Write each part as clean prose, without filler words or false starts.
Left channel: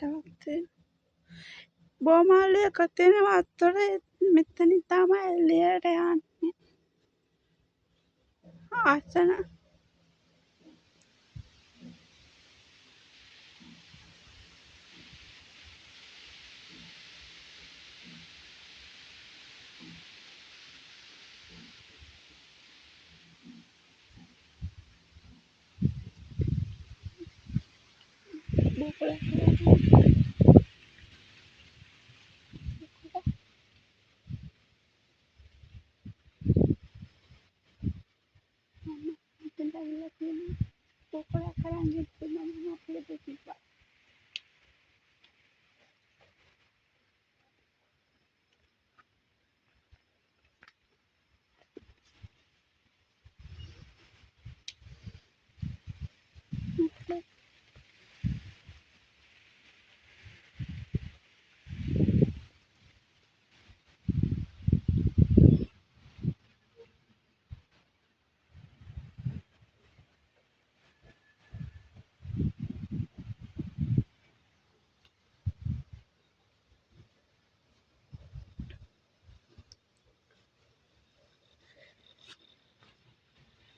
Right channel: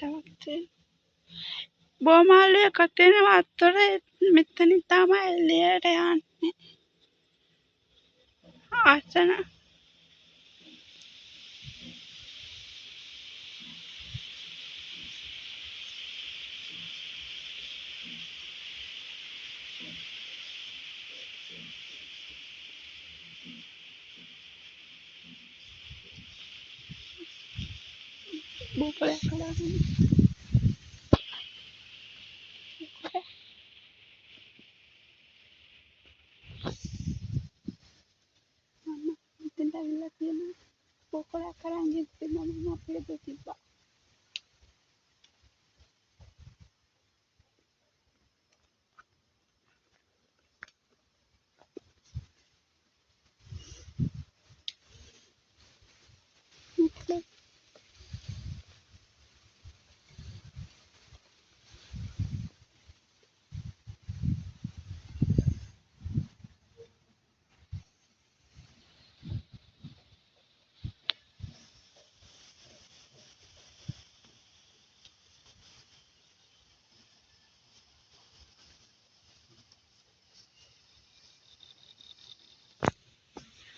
හැමක් තියෙනවා. බෝමාලු එකක් තියෙනවා වත්තර මෙතනින් තමයි එළියට යන්නේ. ආසන බෝකලයක් කරන්නේ. මම මෙතෙන්ට ඇවිල්ලා තියෙනවා. බෝකලයක් කරන් ගිහින් මම අපිට තිබ්බා.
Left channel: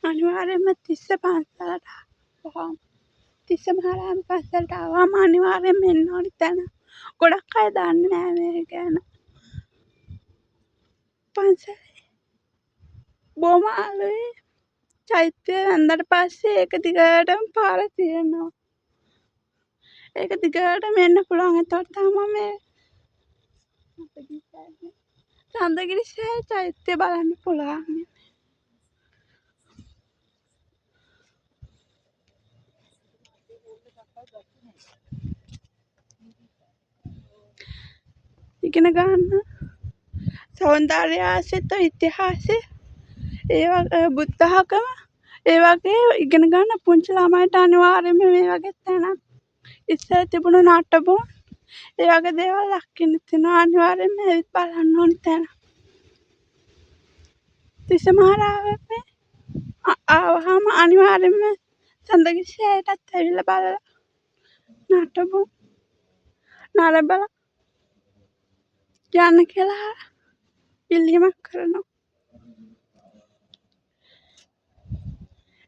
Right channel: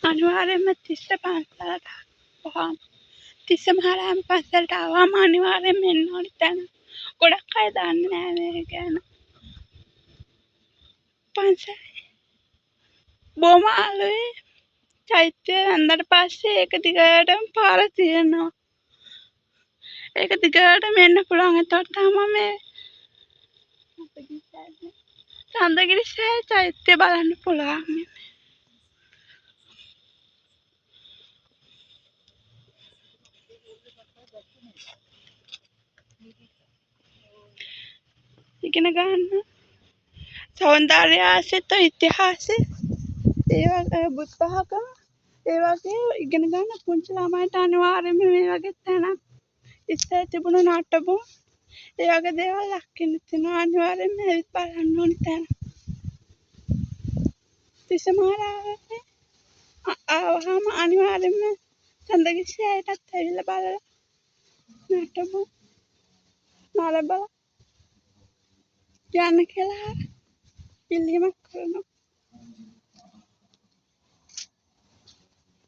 අනිවාර්යයෙන්ම තිස්ස පන්සලට ආවම තිස්ස මහරහතන් පන්සලට ආවම අනිවාර්යයෙන්ම එන්න ඕනි තැන. ගොඩක් අය දන්නේ නැහැ මේක ගැන. පන්සලේ බෝමාලුවේ චෛත්‍යය වැන්දට පස්සේ ඒක දිගටම පාර තියෙනවා. ඒක දිගටම එන්න පුළුවන්. එතකොට තමයි මේ සඳගිරි සෑය චෛත්‍යය බලන්න පුළුවන්. ඉගෙන ගන්න සෞන්දර්ය ආශ්‍රිත ඉතිහාසය ඒ වගේ බුද්ධ ආගම ඒ වගේ ඉගෙන ගන්න පුංචි ළමයිට අනිවාර්යයෙන්ම මේ වගේ තැනක් ඉස්සර තිබුණු නටබුන් ඒ වගේ දේවල් දකින්න තියෙනවා. අනිවාර්යයෙන්ම ඇවිත් බලන්න ඕන තැන. තිස්ස මහරහතන් ආවහම අනිවාර්යයෙන්ම සඳගිරි සෑයටත් ඇවිල්ලා බලලා නටබුන් නරඹලා යන්න කියලා ඉල්ලීමක් කරනවා.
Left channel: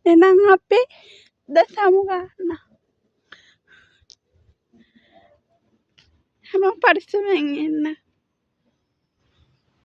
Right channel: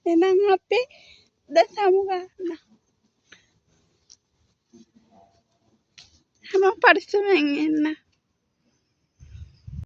එහෙනම් අපි දසමු ගන්න. හැමෝම පරිස්සමෙන් ඉන්න.